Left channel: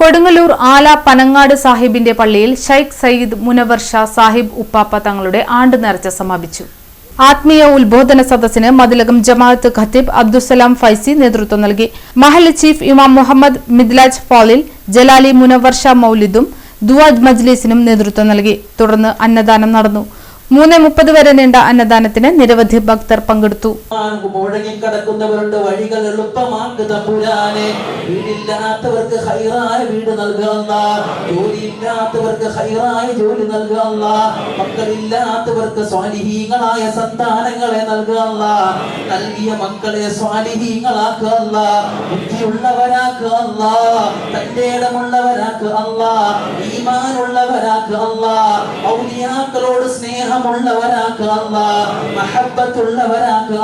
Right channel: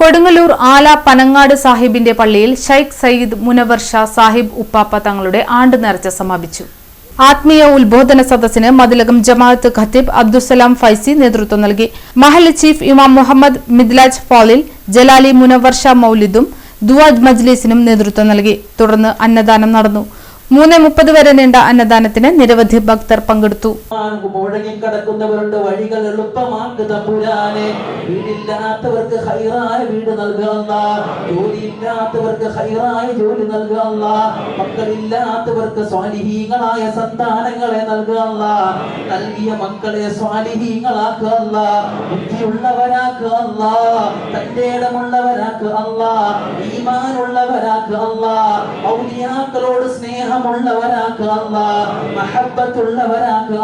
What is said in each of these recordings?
കൊടുങ്ങല്ലൂർ ആല പനങ്ങാട് സാഹിബിന്റെ പള്ളിയിൽ ഷൈഖ് സയ്യിദ് മുനവർ ഷാ സാഹിബ് ഉപ്പാപ്പ തങ്ങളുടെ ആണ്ട് നേർച്ച സമാപിച്ചു. ആത്മീയ ഉത്ബോധന സദസ്സിന് മതിലകം ജമാഅത്ത് ഖത്തീബ് അബ്ദുസലാം ഫൈസി നേതൃത്വം നൽകി. മഹല്ല് ചീഫ് ഇമാം മുഹമ്മദ് മിദ്ലാജ് ഫാളിൽ ജലാലി മുനവർ ഷാ മൗലിദും ദുആ മജ്ലിസിനും നേതൃത്വം നൽകി. തുടർന്ന് അന്നദാനം നടന്നു. 3:30 വരെ നീണ്ട അന്നദാനത്തിന് നിരവധി ഭക്തർ പങ്കെടുത്തു. മുടങ്ങിക്കിടക്കുന്നവരുടെ വഴികൾ എളുപ്പമാക്ക് തമ്പുരാനെ. വീടില്ലാത്തവർക്ക് ഹൈറായ വീട് നൽകുക, ജോലിയില്ലാത്തവർക്ക് ഹൈറായ ജോലി നൽകുക, മക്കളില്ലാത്തവർക്ക് സ്വാലിഹീങ്ങളായ സന്താനങ്ങളെ നൽകുക, നൽകിയ മക്കളെ സ്വാലിഹീങ്ങളാക്കുക, ബുദ്ധിയുള്ളവരാക്കുക, തന്റെ ഇടമുള്ളവരാക്കുക, ഈമാനുള്ളവരാക്കുക, ഔലിയാക്കളോട് സ്നേഹമുള്ളവരാക്കുക, മഹബ്ബത്തുള്ളവരാക്കുക,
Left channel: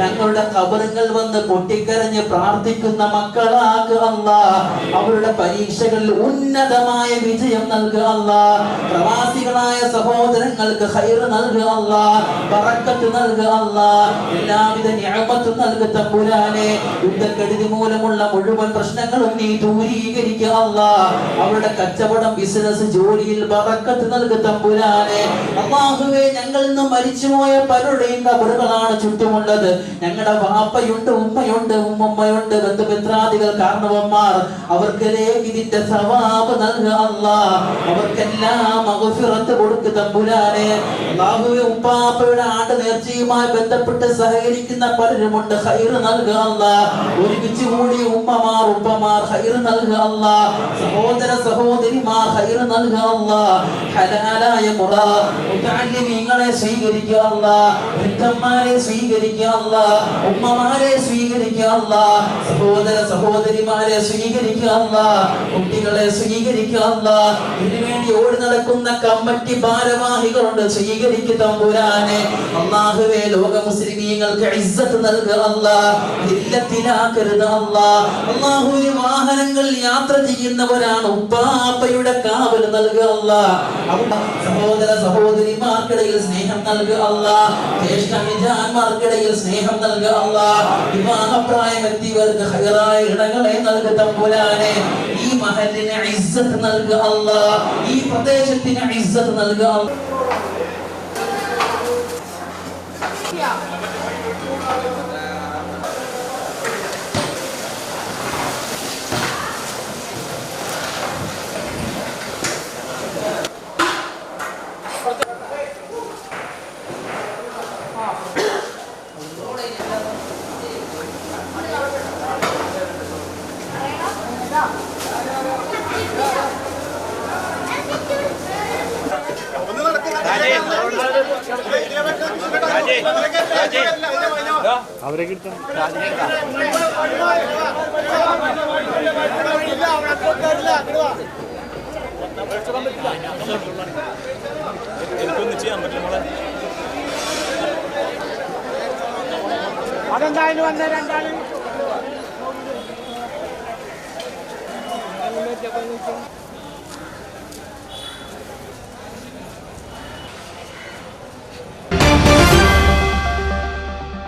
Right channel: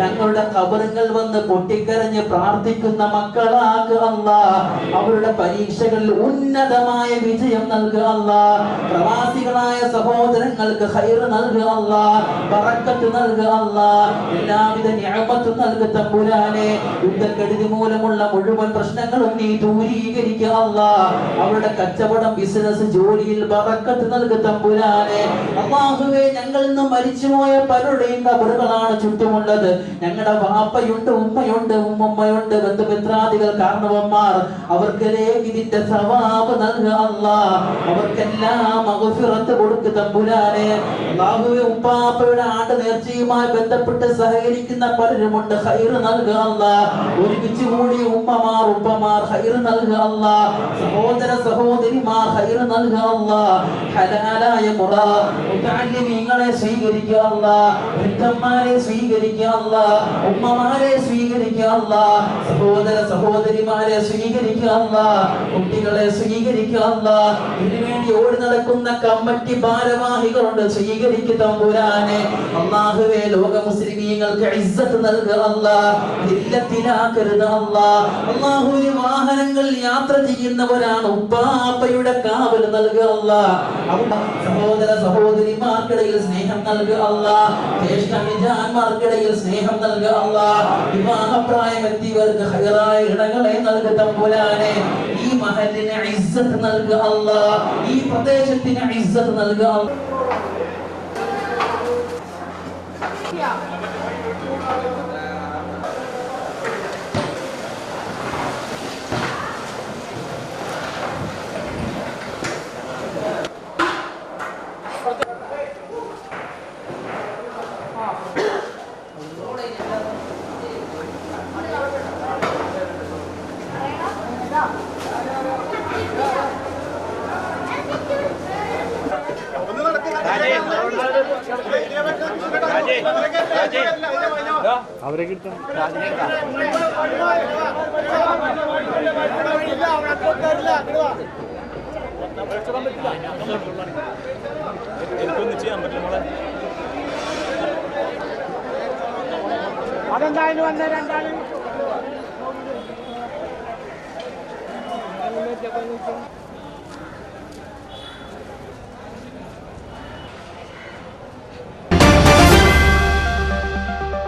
ഞങ്ങളുടെ ഖബറുകൾ വന്ന് പൊട്ടിക്കരഞ്ഞ് പ്രാർത്ഥിക്കുന്ന മക്കളാക്കുക, അവരുടെ പരീക്ഷകളിൽ ഉന്നതമായ വിജയം നൽകുക, പ്രവാസികളായ സഹോദരങ്ങൾക്ക് ഖൈർ നൽകുക, ബറക്കത്ത് നൽകുക, എല്ലാവിധ നിഅമത്തും നൽകുക തമ്പുരാനെ. യുദ്ധക്കെടുതി മൂലമുള്ള മുഴുവൻ പ്രശ്നങ്ങളും നീ ദൂരീകരിക്കുക, അവരുടെ കച്ചവടം, ബിസിനസ്, ജോലിയിൽ ബറക്കത്ത് നൽകുക തമ്പുരാനെ. അല്ലാഹുവേ, ഞങ്ങളിൽ നിന്ന് മരിച്ചുപോയ പലരുടെയും ഖബറുകളാണ് ചുറ്റുമുള്ളത്. ഞങ്ങളുടെ വാപ്പയുണ്ട്, ഉമ്മയുണ്ട്, ഉമ്മയുണ്ട്, ബന്ധുമിത്രാദികൾ, കാരണവന്മാർ, അവർക്കെല്ലാം ഇതിന്റെ സവാബ് നൽകുക അല്ലാഹ്. അവർക്കെല്ലാം മഗ്ഫിറത്ത് കൊടുക്കുക തമ്പുരാനെ. അല്ലാഹുവേ, ഉപ്പാപ്പയുടെ ആണ്ട് നേർച്ചയുമായി ബന്ധപ്പെട്ട് സഹകരിക്കുന്ന പലരുമുണ്ട്, ഖൈർ നൽകുക അല്ലാഹ്. ഒരുമിച്ച് കൂടി ഉമ്മമാർ, ഉപ്പമാർ ഖൈർ നൽകുക അല്ലാഹ്. സഹോദര സഹോദരിമാർ ഖൈർ നൽകുക അല്ലാഹ്. ഹലാലായ മുറ മുതഅല്ലിമീങ്ങളെ സ്വീകരിക്കുക അല്ലാഹ്. വൃദ്ധന്മാരെ സ്വീകരിക്കുക അല്ലാഹ്. ഉമ്മമാരെ സ്വീകരിക്കുക അല്ലാഹ്. സഹോദര സഹോദരിമാരെ സ്വീകരിക്കുക അല്ലാഹ്. കുട്ടികളെ സ്വീകരിക്കുക അല്ലാഹ്. ഇതിനുവേണ്ടി ഓടി നടക്കുന്ന കമ്മിറ്റി ഭാരവാഹികളുണ്ട്, സ്വീകരിക്കുക തമ്പുരാനെ. അല്ലാഹുവേ, ലോക മുസ്ലിമീങ്ങൾക്ക് ഇസ്സത്ത് നൽകുക അല്ലാഹ്. ദില്ലത്തിലാക്കരുത് അല്ലാഹ്. അല്ലാഹുവേ, വാഹനങ്ങൾ യാത്ര ചെയ്യുന്നവരാണ്, ഉപ്പാപ്പയുടെ കാവൽ നൽകുക അല്ലാഹ്. സഹോദര സഹോദരിമാർക്കിടയിൽ സ്നേഹം നൽകുക അല്ലാഹ്. ജ്യേഷ്ഠ അനുജന്മാർക്കിടയിൽ സ്നേഹം നൽകുക അല്ലാഹ്. വിവാഹപ്രായം എത്തിയവർക്ക് ഹൈറായ ഇണകളെ നൽകുക തമ്പുരാനെ. ഈ മഹല്ലിന് ഇസ്സത്ത് നൽകുക അല്ലാഹ്. ഈ പ്രദേശത്തിന് ഇസ്സത്ത് നൽകുക അല്ലാഹ്. അവരെ കിട്ടും. എനിക്കൊന്നും ചെയ്യാൻ പറ്റും. അതെന്തായാലും വന്ന രണ്ടാളും